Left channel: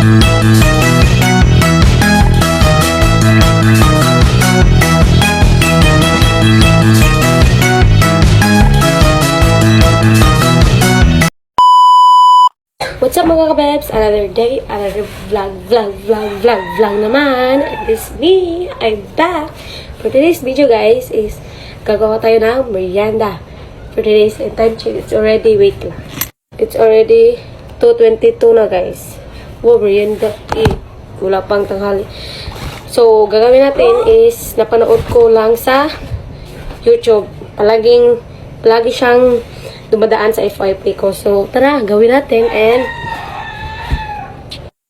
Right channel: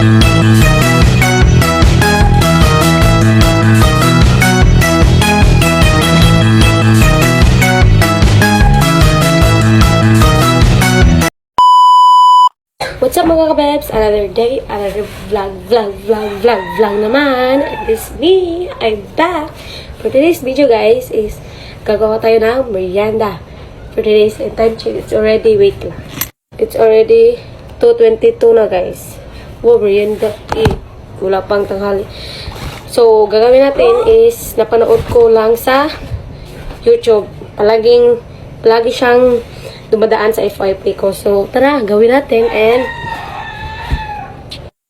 What's up mga kabebs? Another day, another vlog naman. And this me, I'm back. For today's video guys is gagawa tayo ng merienda. For today's time check, it's already, wait lang. It's already 2:22 na guys. Wow, merienda. Wala pang tanghali. So, gagawin natin is napanood ko lang sa YouTube. Palagi siyang dumadaan sa FYP ko. So, tara, gawin natin. And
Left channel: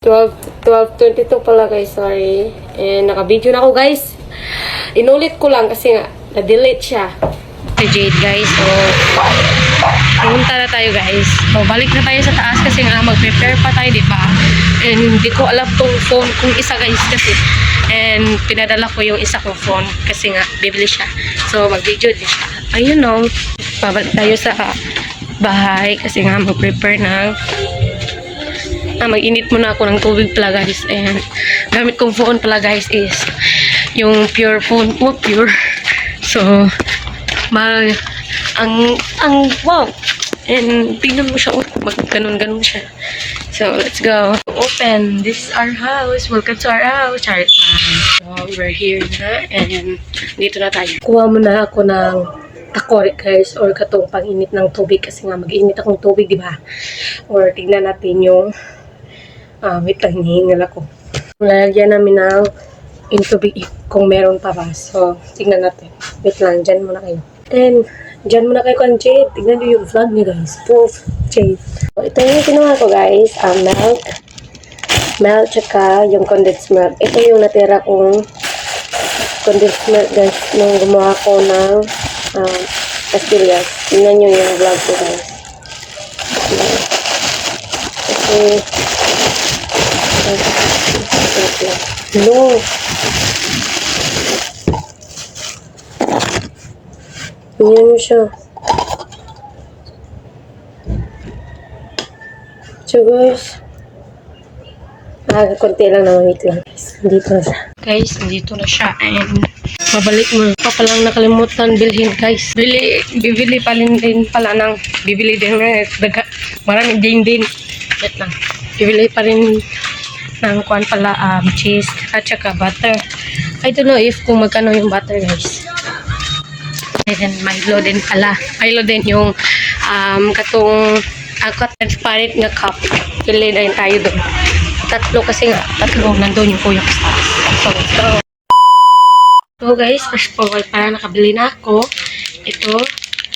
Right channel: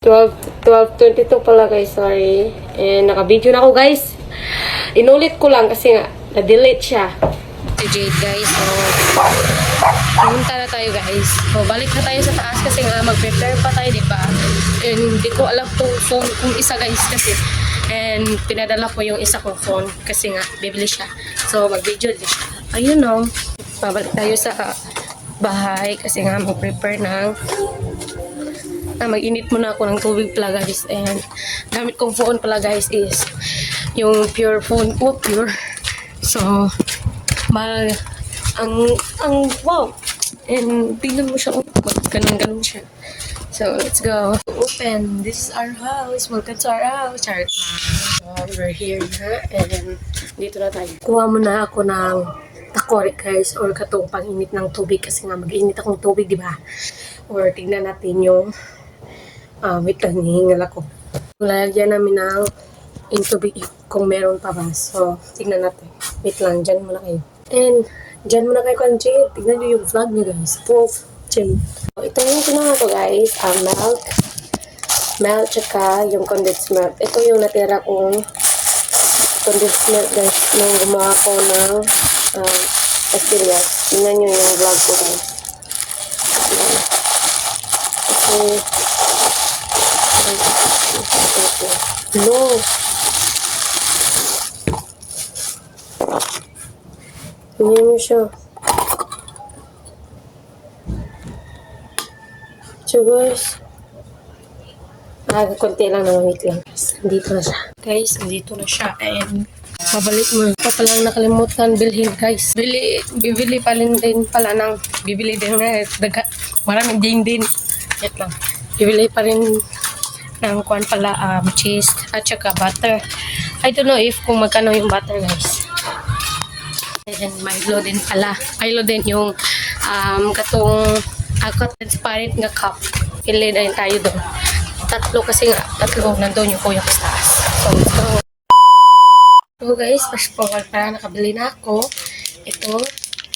12:22 pala guys, sorry. And naka-video na ako guys. Inulit ko lang kasi nga, na-delete siya. Si Jade guys, so pumunta na tayo guys. So, balik na tayo sa taas kasi nga mag-prepare pa tayo, diba? And hindi ko alam tong phone kung isa guys kasi. And pinadala ko yung isa kong phone kasi nga, bibili siya. So, mag-video din siya. Ayun no. Pabalik tayo sa bahay kasi nga mag-prepare ng mag-init muna ako ng tubig pala guys. And gamit kong phone pala guys is yung pure phone mo, pure. So ang wow. And tingnan mo siya, ganun siya. So let's go. Open. This is our house. Welcome to our house. Charot na. So we're here na and dito na tayo. Kuha muna ako ng takore guys or katong pang-init ng tubig kasi nga mag-init akong tubig, di ba? Or tignan natin yung wait lang, hinihingal ako. Lalagyan namin ng tubig kung meron pa ba. So, tignan natin. Wait lang, dyan muna kayo. And, dyan muna kayo kung Jade. Tignan nyo yung vlog niyo guys. Proof, Jade. So, ito yung ginawa ko guys. Milk, tsaka yung condensed milk. Ito yung natira kong condensed milk guys. Nung gumawa ko ng pastillas. Tingnan nyo yung vlog ko guys. Hello. Tingnan nyo siya. So guys. Konti lang na wait lang. Nandito na siya. Guys, nandito na siya. And mabalik mo. Palang nakalimutan bilhin guys. Bibili pa din pala ng bibili din maraming din. Wait lang. Bibili pa rin ng kuan pala cheese at saka butter. I don't know if kung magkano yung butter guys. And Milo din pala. Milo din yung katong transparent na cup. Bili din tayo doon. Tatlo kasi nga. Tatlo nandun yung kuya ko sa taas. So guys, fast forward para nakabili na ako. Ito,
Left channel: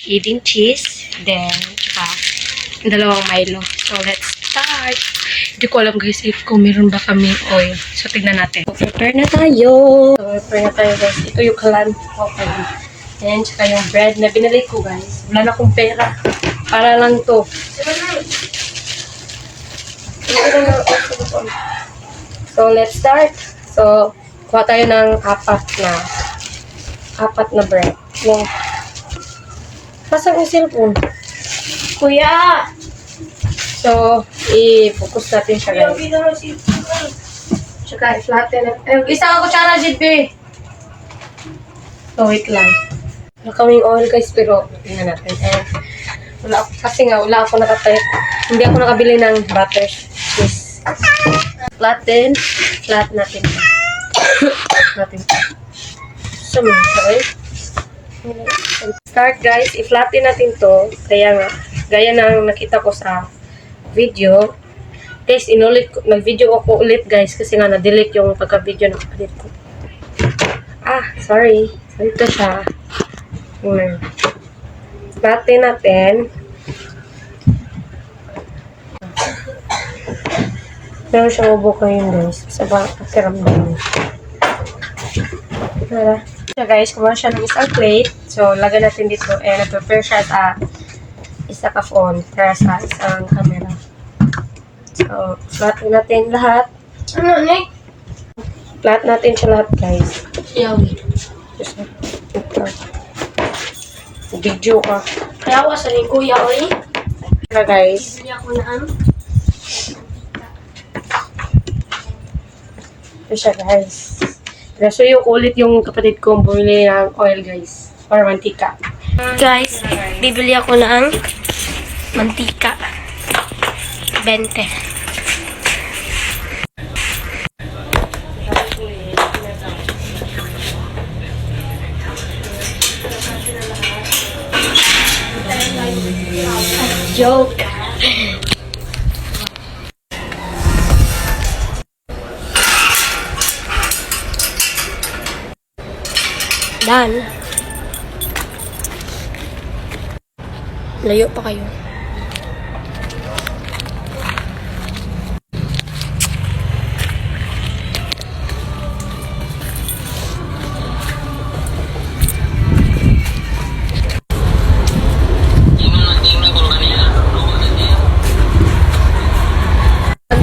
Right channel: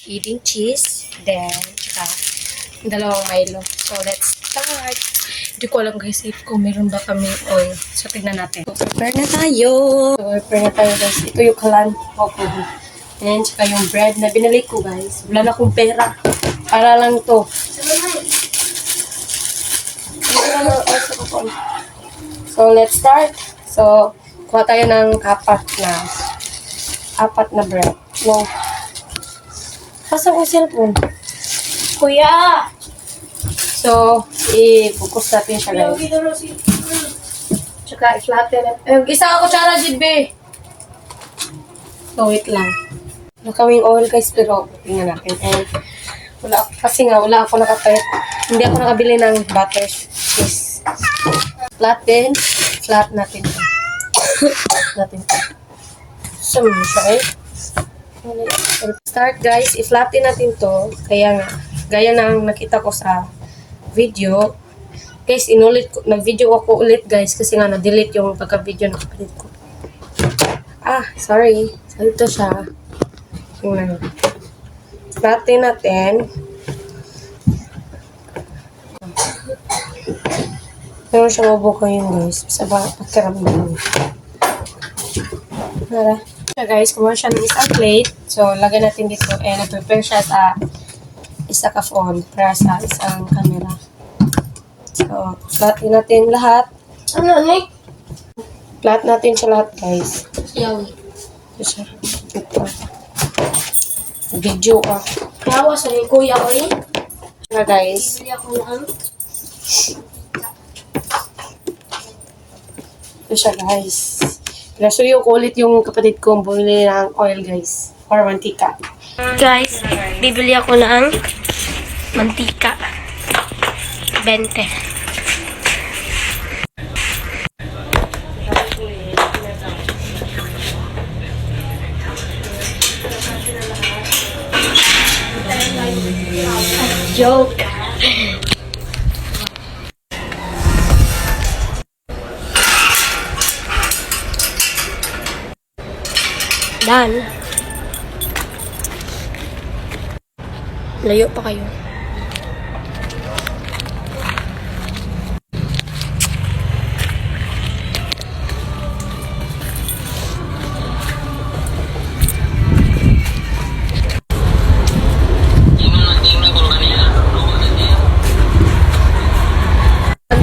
eating cheese. Then, dalawang Milo. So let's start. Hindi ko alam guys if kung meron ba kami oil. So tignan natin. So, prepare na tayo. Guys. Ito yung kalan. Okay. And saka yung bread na binili ko guys. Wala na akong pera. Para lang to. So let's start. So kuha tayo ng apat na bread. No. Pasang yung cellphone. Kuya! So, i-focus natin siya guys. Tsaka i-flatten natin. Isang ako kutsara, Jidbe! So, wait lang. Wala kaming oil guys, pero tingnan natin. And, kasi nga, wala ako hindi ako nakabili ng butter. Please. Flatten natin. Sa minsa eh. Start guys, i-flatten natin to. Kaya nga, gaya na nakita ko sa video. Guys, nag-video ako ulit guys kasi nga na-delete yung pagka-video na kapatid ko. Sorry. So, ito siya. Flatten natin. Meron siyang ubo yun guys. Sa pakiramdam. Nara. So guys, kumuha siya ng isang plate. So, lagay natin dito. And nag-prepare siya sa isa ka phone para sa isang camera. So, flatten natin lahat. Flat natin siya lahat guys. Ito. Video ka. Kaya ako sa kuya ko Pero guys. Bili ako na Ito siya, guys. Pinasuyo ko ulit yung kapatid ko bumili ng oil, guys. Or mantika. Guys, bibili ako ng mantika. 20. Joke. Done. Layo pa kayo.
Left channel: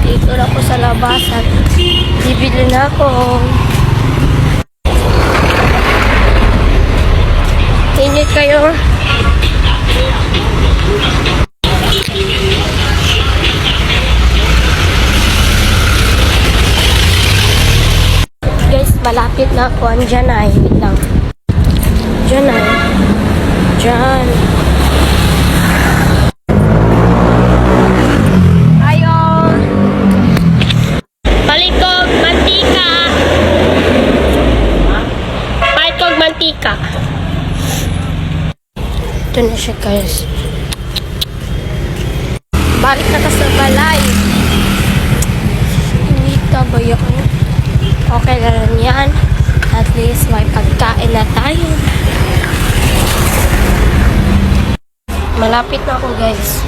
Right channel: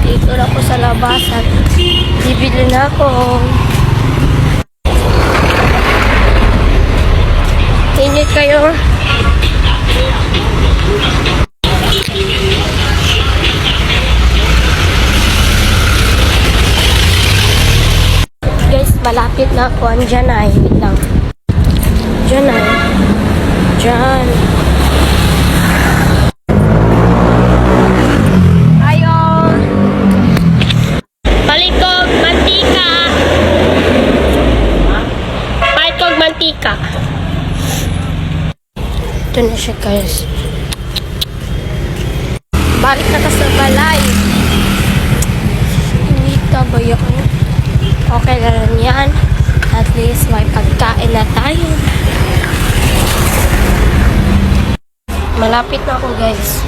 Dito na ako sa labasan. Bibili na ako. Init kayo. Guys, malapit na ako. Andyan na. Wait lang. Diyan na. Diyan. Ayon. Palikog mantika. Palikog mantika. Ito na siya, guys. Balik na ka sa balay. Hindi ka ba yun? Okay na lang yan. At least may pagkain na tayo. Malapit na ako, guys.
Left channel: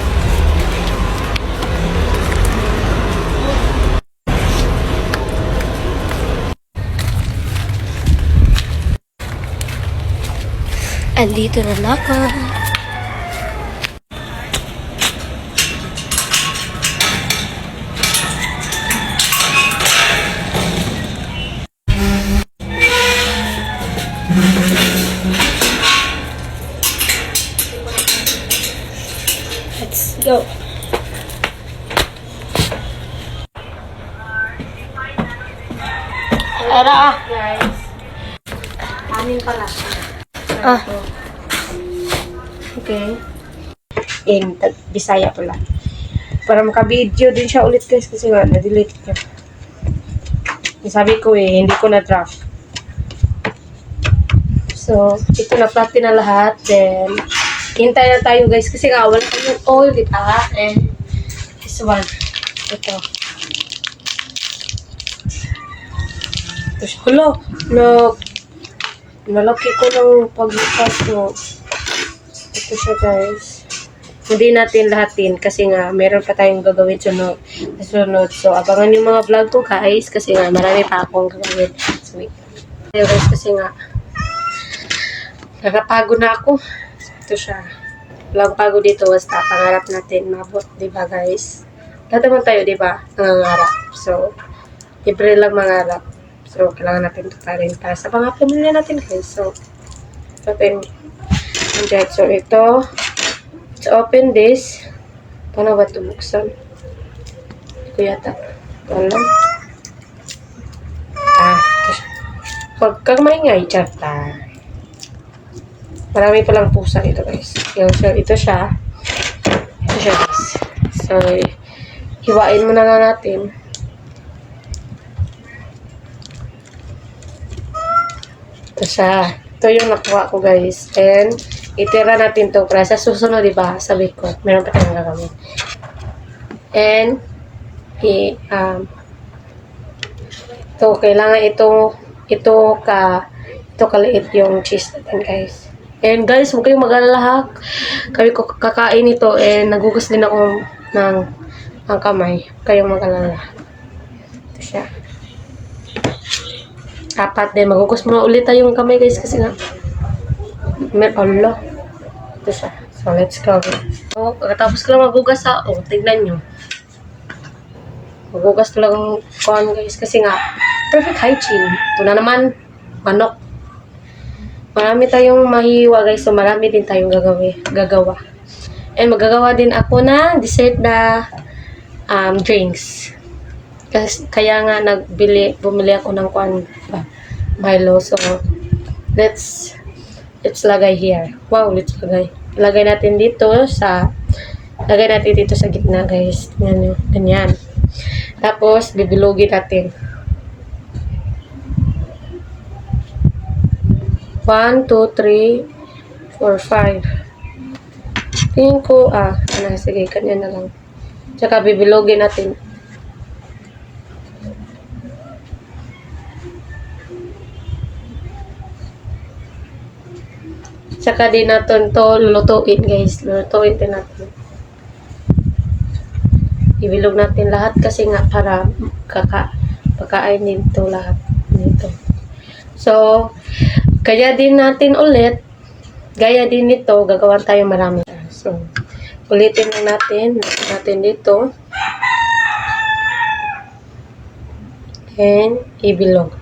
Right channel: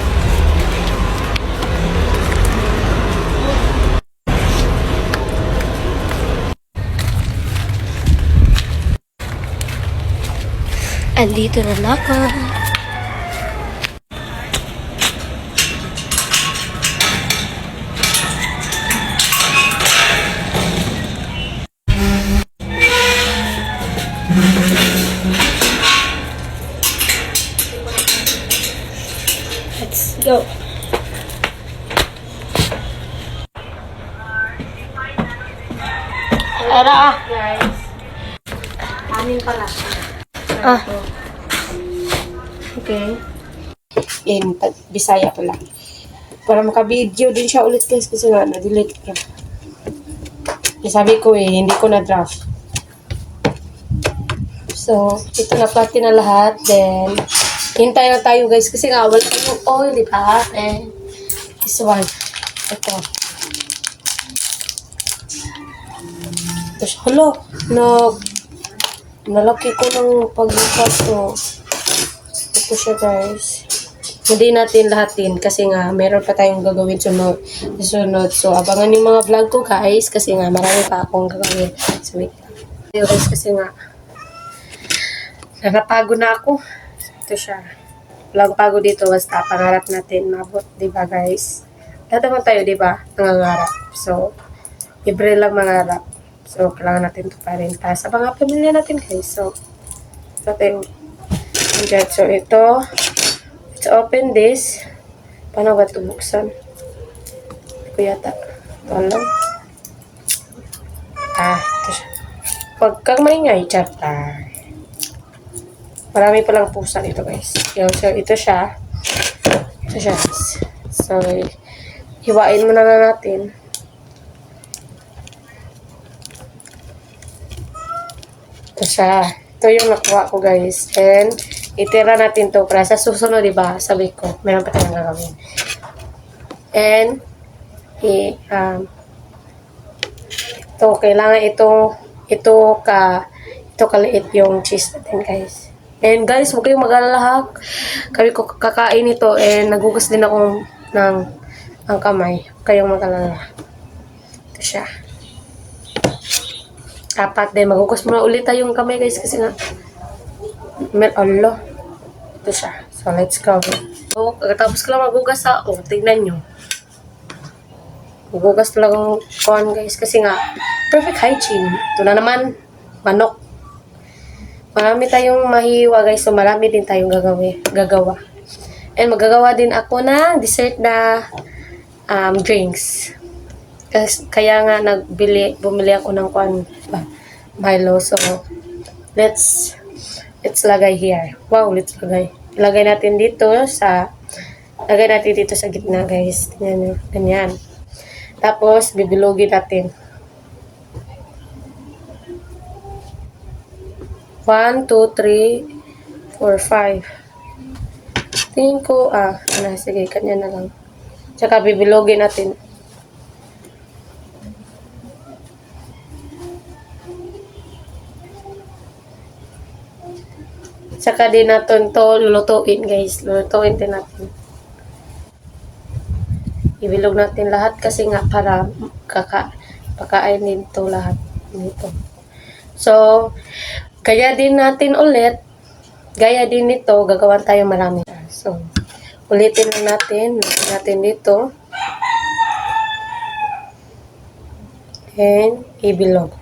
Andito na ako. Let's go. Tara. Guys. Anin pala. Ah. Okay. In Bisaya pala. Para maka-video din siya ulit, guys, kasi nga na-delete niya. Sabi ko hindi ko na-draft. So, ito na-plot na lahat. Then, hintay na tayo, guys, kasi nga wala yung oil, di ba? This one. Ito. Ito siya. Hala! Nalaki ko ng pagbukas, no. Ito siya, guys. Hindi natin lahatin kasi nga meron pa tayong gagawin sunod. So, abangan yung mga vlog ko, guys, kasi nga marami pa akong gagawin. So, wait. Guys, kasi nga napapagod na ako. Ito siya. Walang pagod dito, basta pangarap natin mabot, di ba, guys? Lahat naman tayo, di ba, nangangarap. So, libre lang mangarap. So, kailangan natin ito pa rin para sa mga pamilya natin, guys. So, natin. So, ito. Let's open this. Paano ba ito buksan? Ito ko yata. Ito lang. Ito siya. Huwag kang maingay, chata. Marami palang pusa dito, guys. So, ito siya. Ito siya, guys. So, hiwain mo na natin. Ito siya. Ito yung nakuha ko, guys. And, itira natin to para sa susunod, diba? Sabi ko, meron pa tayong gagawin. And, ito, kailangan ito kaliit yung cheese natin, guys. And guys, huwag kayong mag-alala ha. Kami ko kakain ito and nagugas din ako ng kamay. Huwag kayong mag-alala. Ito siya. Apat din. Magugas mo ulit tayong kamay, guys, kasi nga Allah. Ito siya. So, let's go. So, pagkatapos ko lang magugas ha. O, tignan nyo. Magugas ko lang kuhan, guys, kasi nga perfect hygiene. Ito na naman, manok. Marami tayong mahiwa, guys. So, marami din tayong gagawa. And magagawa din ako na dessert na drinks. Kaya nga bumili ako ng Milo. So, let's lagay here. Wow, let's lagay. Lagay natin dito sa gitna, guys. Tingnan nyo. Ganyan. Tapos, bibilugin natin. 1, 2, 3, 4, 5. Tingin ko, sige, kanya na lang. Tsaka bibilogin natin. Tsaka din natin to lulutuin, guys. Lulutuin din natin. Ibilog natin lahat kasi nga para pakain din to lahat. Dito. So, gaya din nito, gagawan tayo marami. So, ulitin na natin dito. And, ibilog.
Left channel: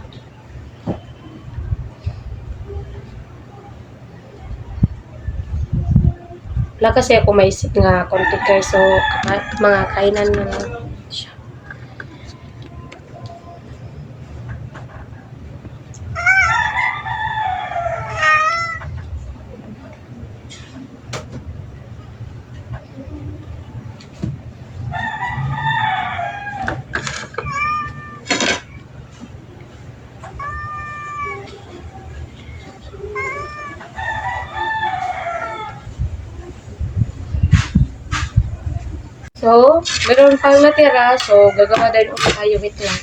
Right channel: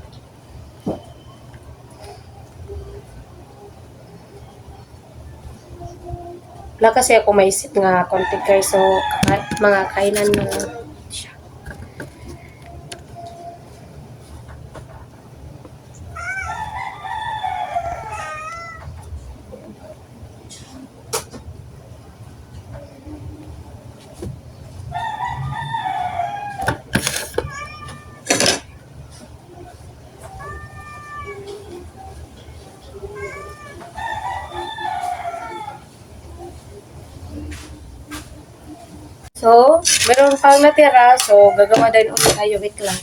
Wala kasi ako maisip nga konti guys. So, mga kainan na siya. So, meron pang natira. So, gagawa din ulit tayo. Wait lang.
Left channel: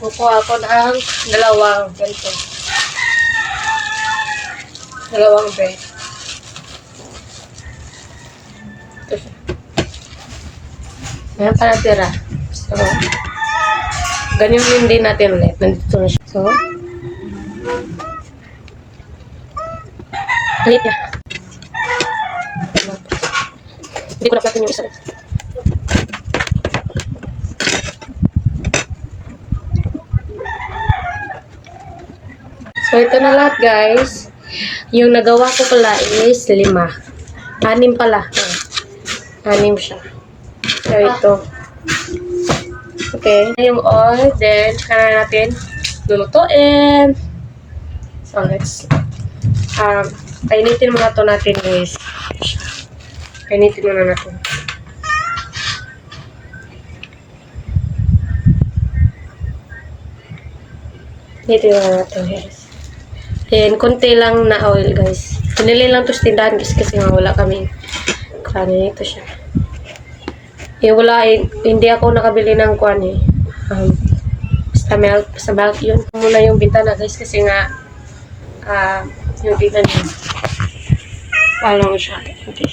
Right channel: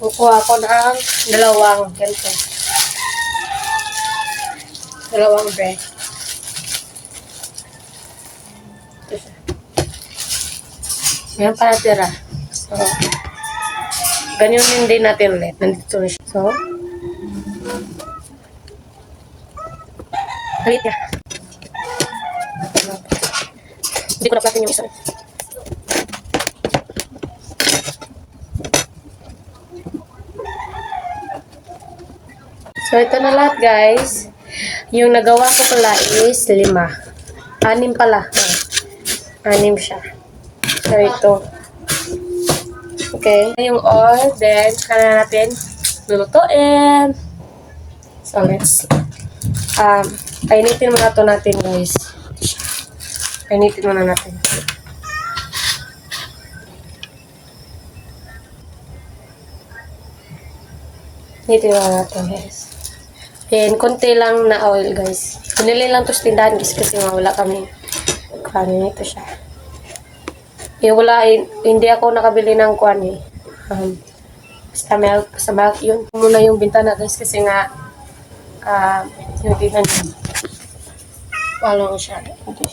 Kukuha ako ng dalawang ganito. Dalawang bread. Ito siya. Meron pa natira. So, ganyan yun din natin ulit. Nandito na siya. So, ulit niya. Hindi ko na-platin yung isa. So, ito na lahat, guys. Yung nagawa ko pala is 5. 6 pala. 6 siya. So, ito. Okay. Yung oil, then, saka na natin lulutuin. So, let's painitin muna ito natin, guys. Painitin muna natin. Painitin muna natin, guys. Then, konti lang na oil, guys. Pinili lang ito sa tindahan kasi nga wala kami. Kanin ito siya. Hindi ako nakabili ng kuan eh. Basta milk yun. Muna yung bintana, guys, kasi nga yung tingnan yun. Paano siya? Okay.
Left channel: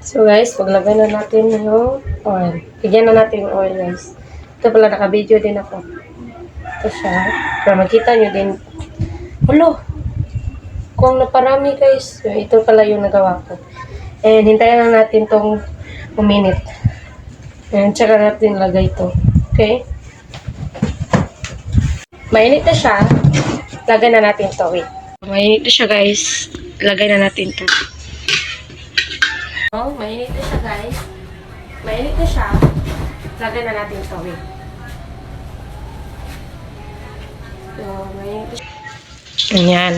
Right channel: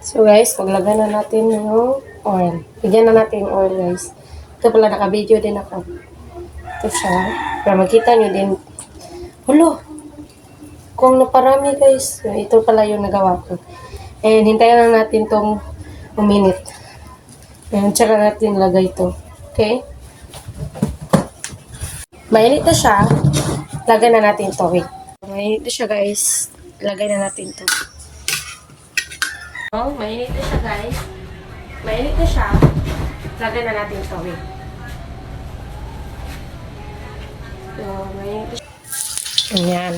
So guys, maglagay na natin yung oil. Bigyan na natin yung oil, guys. Ito pala, naka-video din ako. Ito siya. Para makita nyo din. Hulo! Kung naparami, guys. Ito pala yung nagawa ko. And hintayin na natin itong uminit. And tsaka natin lagay ito. Okay? Mainit na siya. Lagay na natin ito. Wait. Mainit na siya, guys. Lagay na natin ito. Oh, mainit na siya, guys. Mainit na siya. Lagay na natin ito. Wait. So, mainit na siya. Ganyan.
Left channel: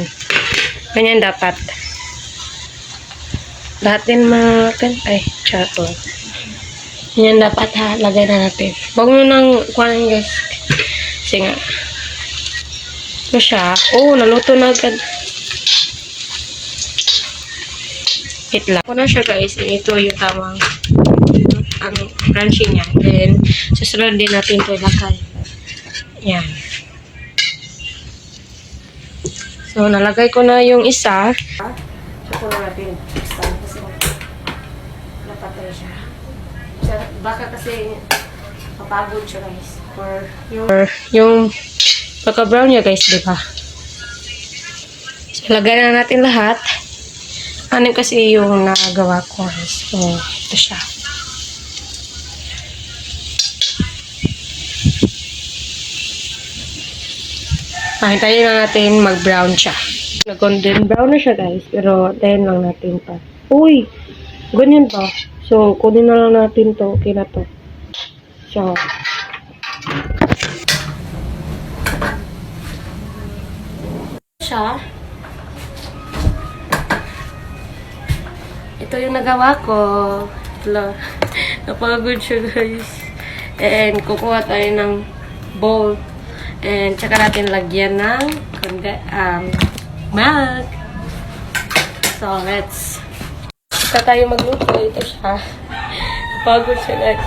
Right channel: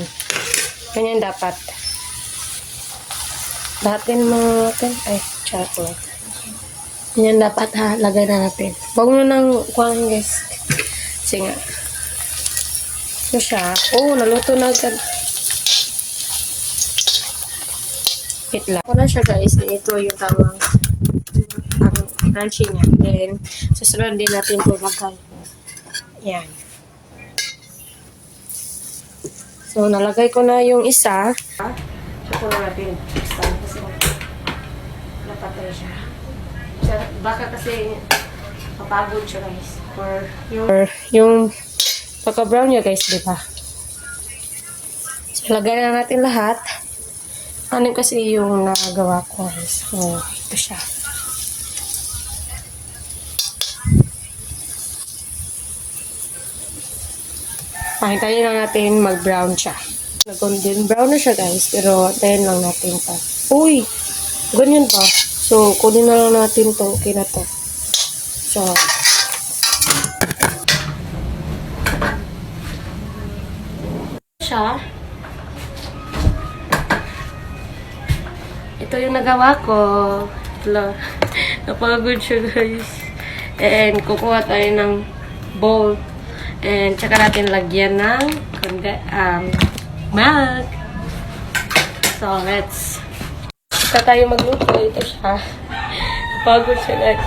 Ganyan dapat. Lahat din ay, chato. Ganyan dapat ha. Lagay na natin. Huwag mo nang kuhanin, guys. Kasi nga. Ito siya. Oh, naluto na agad. Wait lang. Ako na siya, guys. Ito yung tamang crunchy niya. Then, susunod din natin ito ilagay. Yan. So, nalagay ko na yung isa. Ito na natin. Kasi napatay siya. Baka kasi mapagod siya, guys. Or yung pagka-brown niya, guys, diba? So, lagay na natin lahat. 6 kasi yung nagawa ko. So, ito siya. Hintayin na natin mag-brown siya. Nag-golden brown na siya, guys. Pero, hintayin lang natin pa. Uy! Ganyan ba? So, kunin na lang natin to. Okay na to. So, siya. Ito yung nagawa ko. Wala. Napagod siya, guys. And kukuha tayo ng bowl. And tsaka natin lagyan ng milk. So, let's start tayo magluto. Ito siya. Napagod siya, guys.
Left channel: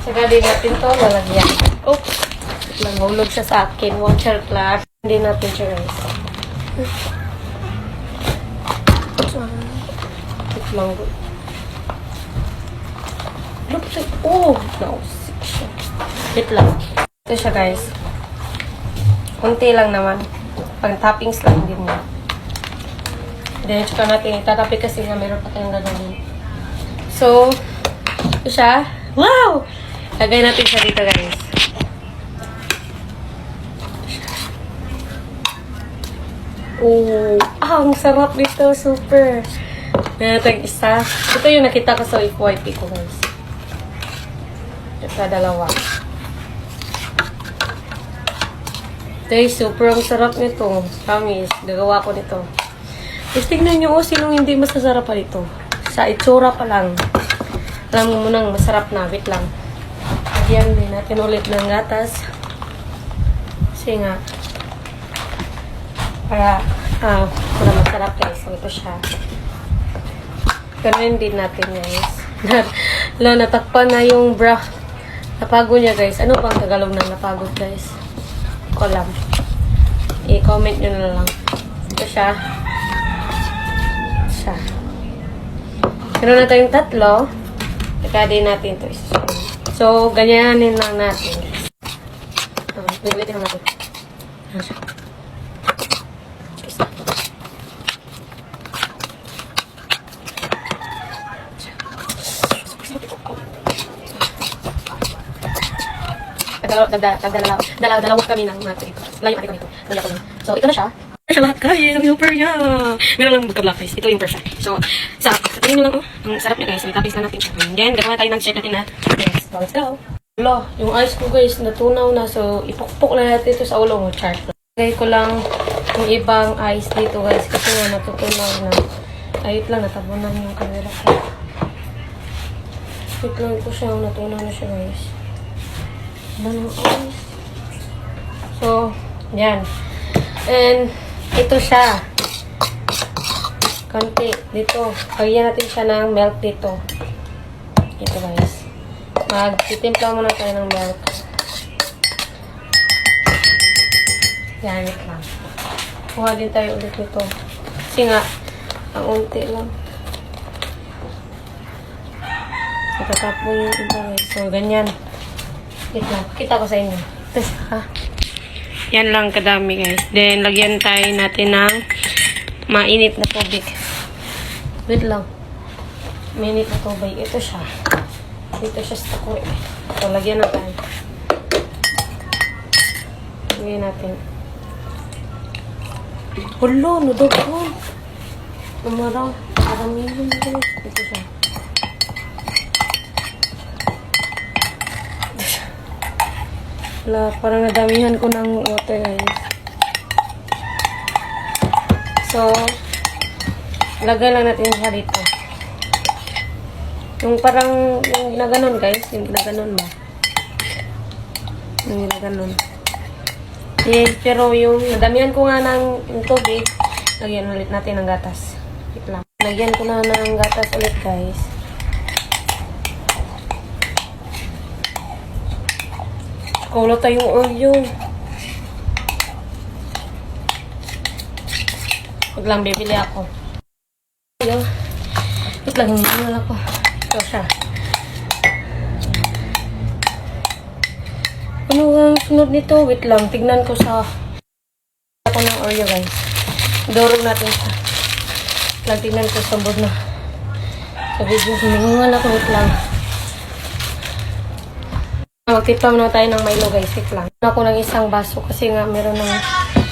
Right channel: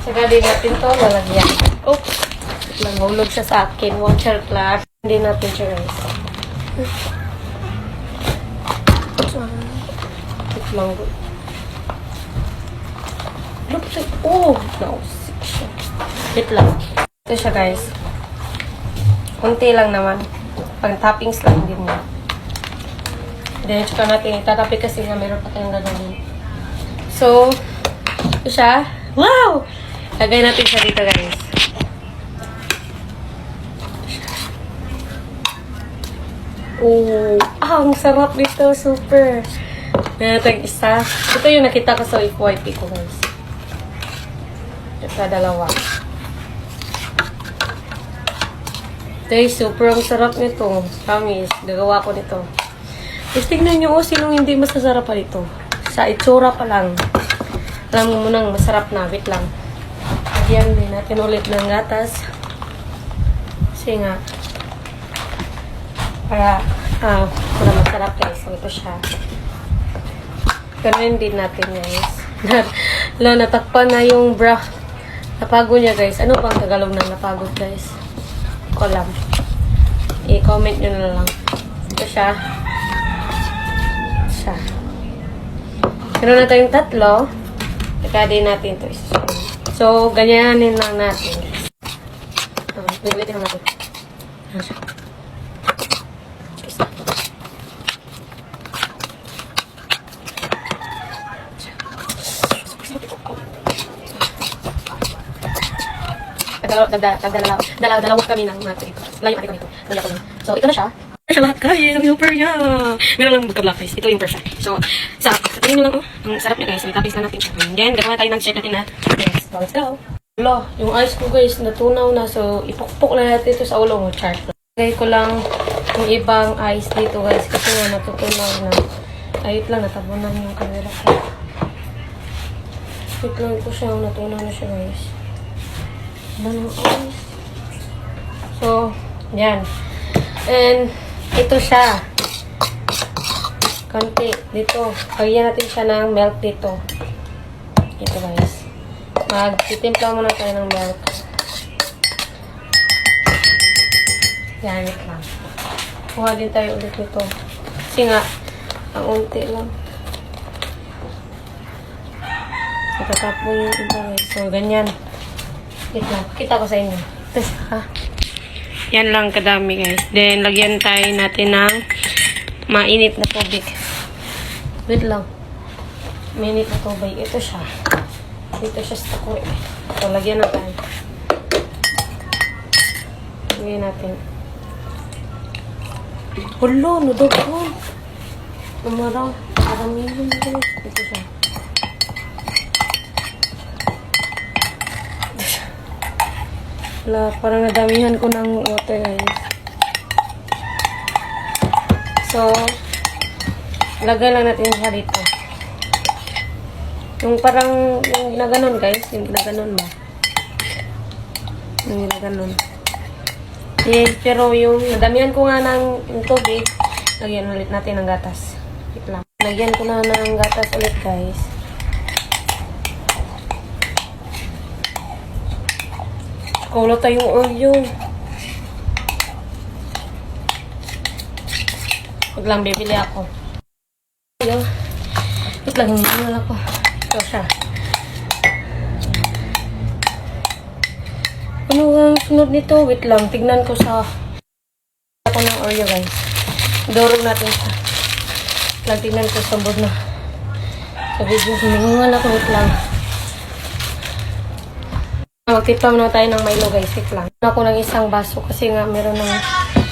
Tsaka din natin to lalagyan. Oops! Nahulog siya sa akin. Water class. Hindi natin siya, guys. Ito lang. Look, oh! Nausik siya. Wait lang. Ito siya, guys. Kunti lang naman. Pang toppings lang din niya. Then, tsaka natin itatapi kasi nga meron pa tayong gagawin. So, ito siya. Wow! Lagay natin siya dito, guys. Oh, ang sarap dito. Super. Meron tayong isa. Ito yung nakita ko sa FYP ko, guys. Ito, dalawa. Ito yung super. Ang sarap nito. Promise. Gagawa ko nito. Tapos tignan nyo, sinong hindi masasarap pa dito. Sa itsura pa lang. Alam mo munang masarap na. Wait lang. Lagyan din natin ulit ng gatas. Kasi nga, para masarap, guys. So, ito siya. Ganun din natin, guys. Natakpan na yung bra. Napagod niya, guys. Ano bang Tagalog ng napagod, guys? Ko lang. I-comment nyo na lang. Ito siya. Siya. Meron na tayong tatlo. Saka din natin ito. So, ganyanin lang natin. Ulitin lang natin. Ano siya? Dalawa kami ng mga ito. Layo kami ito. Layo kami. So, ito na siya. Siya lahat, guys. Ang super niya. Meron lang magka-black face. Ito yung perfect. So, tingin nyo lang, oh. Ang sarap niya, guys. So, itapis lang natin siya. And then, gagawa tayo ng check natin na. Yes. So, let's go. Hello, yung ice ko, guys, natunaw na. So, ipukpok na natin ito sa ulo mo. Chart. Lagay ko lang yung ibang ice dito, guys. Kasi nga, natutunaw na. Ayot lang, natabunan yung camera ko. Wait lang ko siya. Natunaw na siya, guys. Banong ice. So, yan. And, ito siya. Konti. Dito. Pagyan natin siya ng milk dito. Ito, guys. Magtitimpla muna tayo ng milk. Yan, ito lang. Kuha din tayo ulit nito. Kasi nga, ang unti lang. Itatapon yung iba, guys. So, ganyan. Wait lang. Pakita ko sa inyo. Ito siya. Yan lang kadami, guys. Then, lagyan tayo natin ng mainit na tubig. Wait lang. Mainit na tubig. Ito siya. Dito siya sa takuri. So, lagyan na tayo. Lagyan natin. Hulo, nudog ko. Umaraw. Karamihan, guys. Ito siya. Wala, parang nadamihan ko ng water, guys. So, lagay lang natin siya dito. Yung parang, yung ginaganon, guys. Yung ginaganon ba? Yung ginaganon. Pero yung nadamihan ko nga ng yung tubig, lagyan ulit natin ng gatas. Wait lang. Lagyan ko na ng gatas ulit, guys. Kulo tayong Oreo. Huwag lang, bibili ako. Ayo. Wait lang, hindi ako. Ito siya. Ano ang sunod nito? Wait lang, tignan ko sa ako ng Oreo, guys. Dorong natin siya. Lang, tignan ko sa bod na. Sa video, hiningal ako. Wait lang. Magtipam na tayo ng Milo, guys. Wait lang. Ako ng isang baso kasi nga meron ng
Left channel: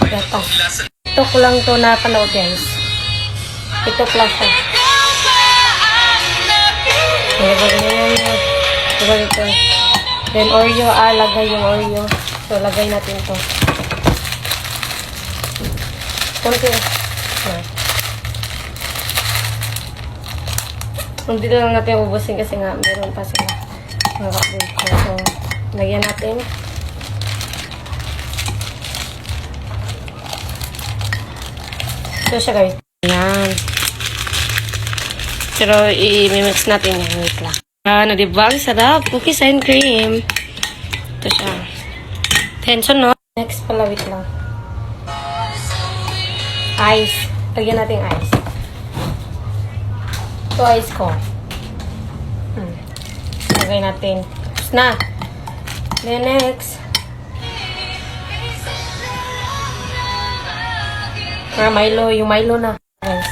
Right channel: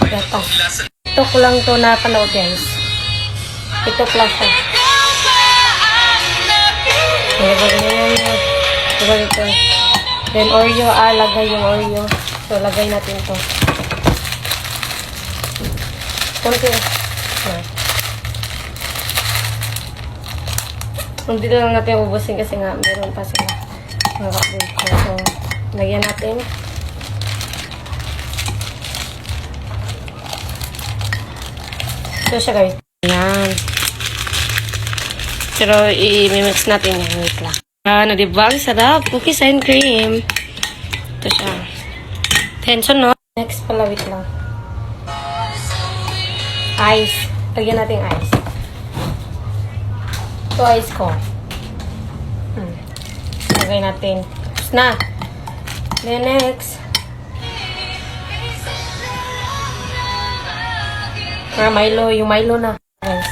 gatas. Ito ko lang to na panood, guys. Ito lang siya. Diba dito? Then Oreo, lagay yung Oreo. So, lagay natin to. Kunti. Hindi na lang natin ubusin kasi nga meron pa sila. Mga kapulko. So, lagyan natin. Ito siya guys. Ayan. Pero i-mix natin yan. Wait lang. Ano, diba? Ang sarap. Cookies and cream. Ito siya. Tension, no? Next pala, wait lang. Ice. Lagyan natin ice. Ito ice ko. Lagay natin. Tapos na. Then next. Milo. Yung Milo na. Guys.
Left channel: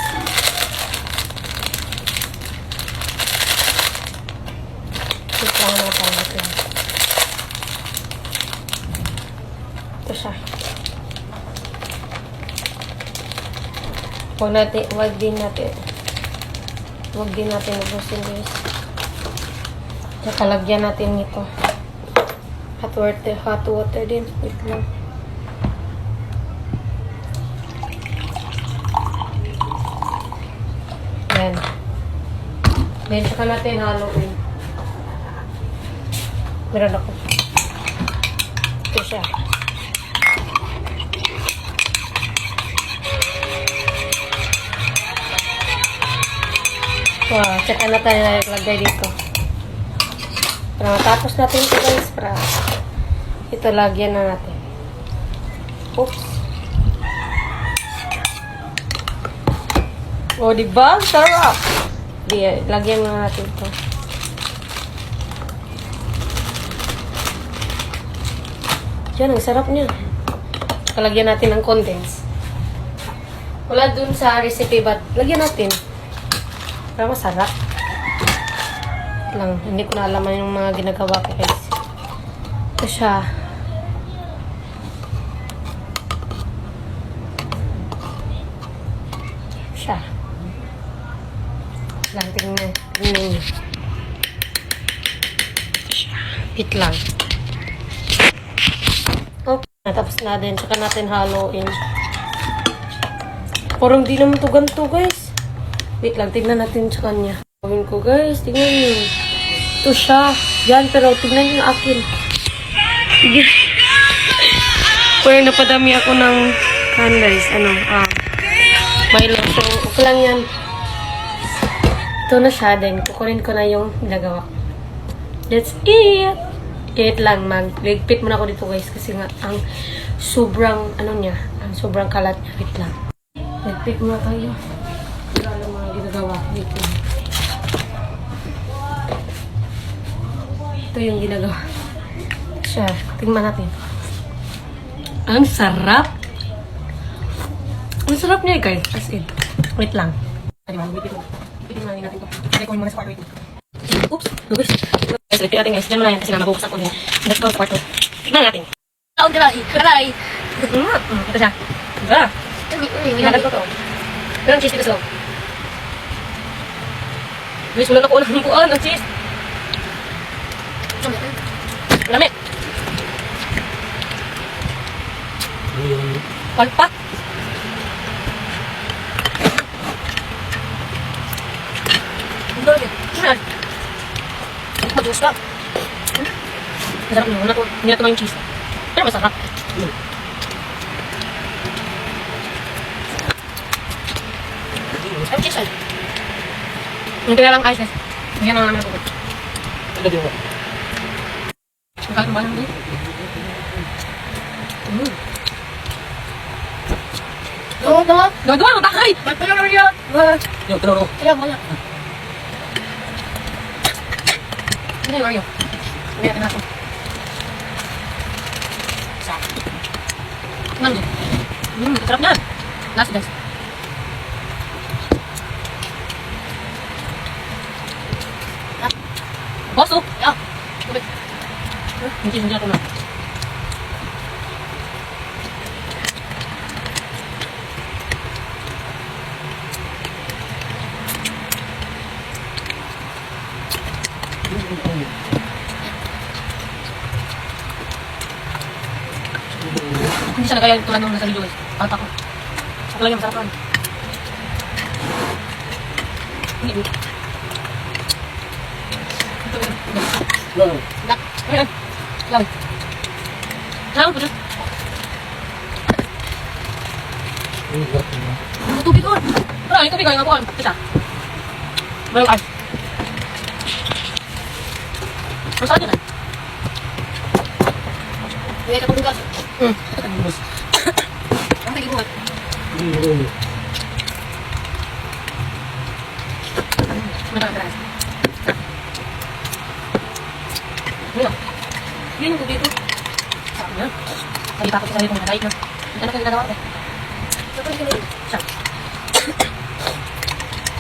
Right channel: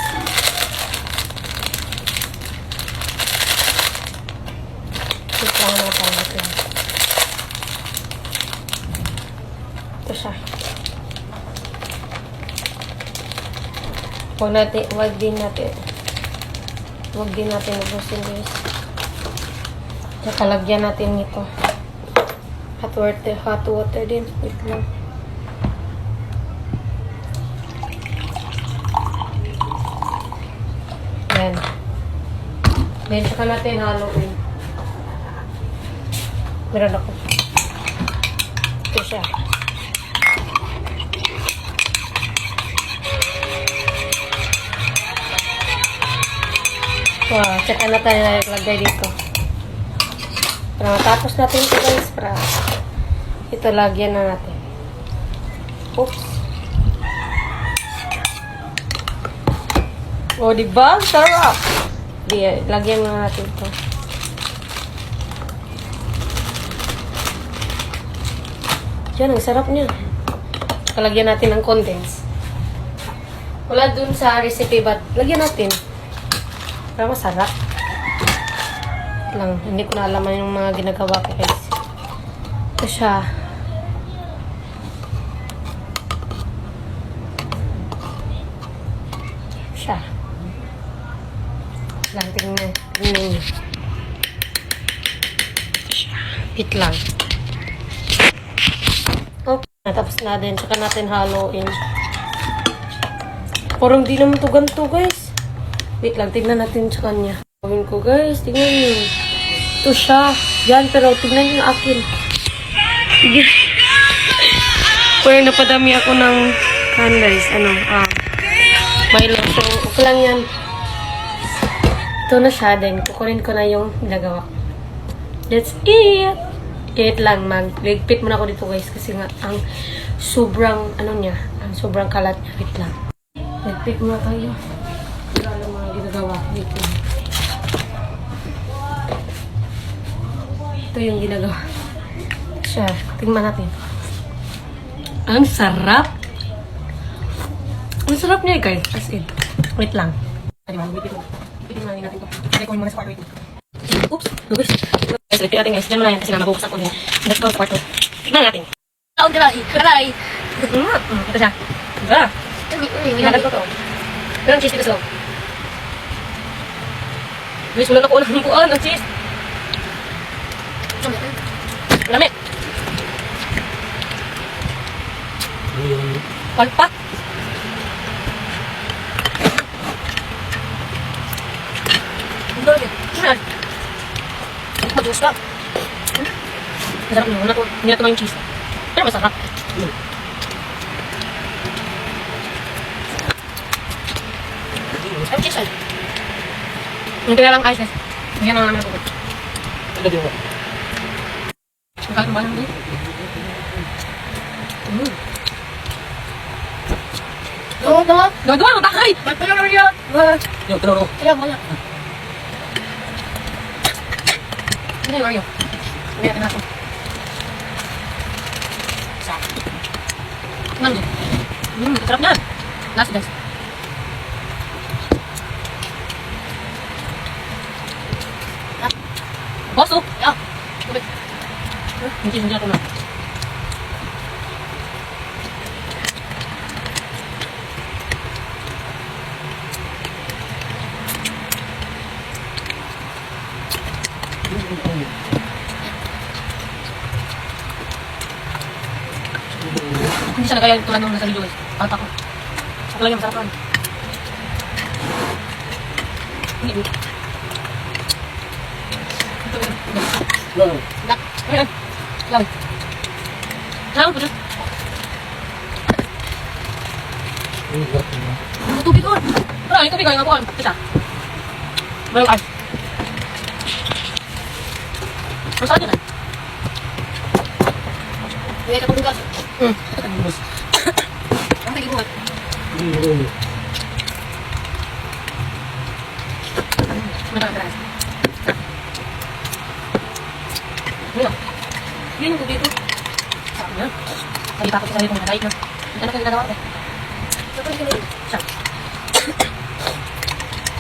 Wait lang natin. Ito siya. Huwag din natin ubusin guys. Nakalagyan natin nito. Hot water din. Wait lang. Yan. Then, saka natin haluin. Meron ako. Ito siya. Wow, tsaka na tayo lagay dito. Para matapos natin ito guys, ito lagyan na natin. Oops. Oh, diba? Sarap! Lagyan na natin ito. Yan, ang sarap niya. Lagyan natin ng condense. Wala dun sa recipe, but lagyan natin. Pero masarap. Lang, hindi ko na alam yung mga ginagawa ko guys. Ito siya. Lang, tingnan niyo. Wait lang. Okay, natapos na din. Saka natin haluin. Parang di naman to ganito guys. Wait lang, tignan natin sa kanya. Gawin ko guys, tignan niyo. Ito siya. Yan, pero tignan niyo yung akin. Parang napadami ako ng guys. Milo. So, okay lang yan. Ito na siya din. Kukunin ko na yung nagawa. That's it! Wait lang, magligpit muna ako dito guys. Kasi nga, ang sobrang, ang sobrang kalat niya. Wait lang. Ligpit muna tayo. Wala lang mga ginagawa dito. Ito yung ginagawa. Siya. Tingnan natin. Ang sarap! Ang sarap niya guys. As in. Wait lang. Wait natin ito. Try ko muna sa kwarto ito. Oops! Guys. Guys, repeat natin guys. Diyan muna yan kasi nga mabubuksan ko din. Let's go sa kwarto. Tignan natin. Oh, karay! Ito siya. Diba? Inagal ko to. Pero ang cheese dito sa loob. Guys, wala na ko ng buwan. Ang cheese. Lamit. Palpak. Masarap. Mag-juice ka. Masarap nyo. Hindi na ito yung cheese. Pero masarap. Ay, cheese ay. Hindi kaya lang ice guys. Bigyan na namin ang pupot. Ano din mo? Magkakain ba naman? Gawa, matakay! Magpala na yan! Yung tinuro. Kaya, wala. Ano yung Oreo? Hindi natin natin. Isa. Nandun. Sarap na. Last guys. Boso! Yeah. Tubig. Hindi ako na. Hindi siya nagaya tulad nung nasa video guys. Tata ko. Okay lang yan, masarap lang. Hindi. Dak. Ayan. Lang. Lang po dyan. Tubig ko. Tara, yung tubig ko. Yung abuan. Isa. Mayroong ice. Masarap yun eh. May katong gas. Ang nagibuhat. Masarap. Ano? Yun yung tubig ko. Sarap niya. Sabi pa ako sa sarili kong nagayit na. Hindi na kayo ginagawa ko eh. Siya.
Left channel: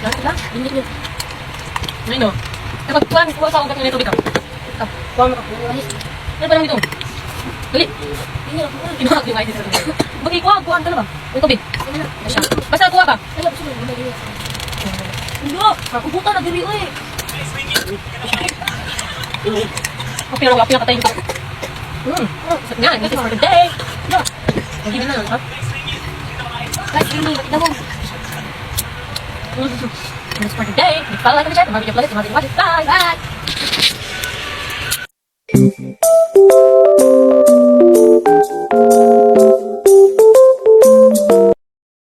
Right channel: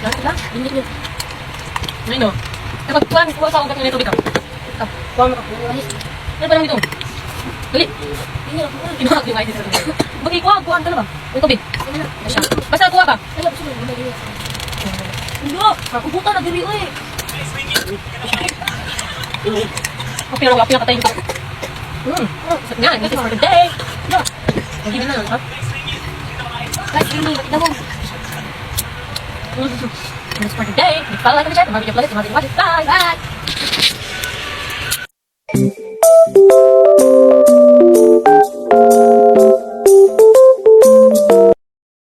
Ganit lang. Ginit niya. Ngayon o. Kapag kuha sa ugat ng tubig ka. Kuha mo ka. Ano ba naman ito? Dali. Kinuha ko yung ice sa tubig. Bagay kuha ka na ba? Yung tubig. Siya. Basta kuha ka. Hindi o. Kubuta na diri o eh. Kapi na katay dito. Nga, this is for the day. Hindi na lang, ha? Guys, yun yung batid na mo. This is for the day. Follow, like, and share. Mga video playlist, mga video watches. Bye! Bye!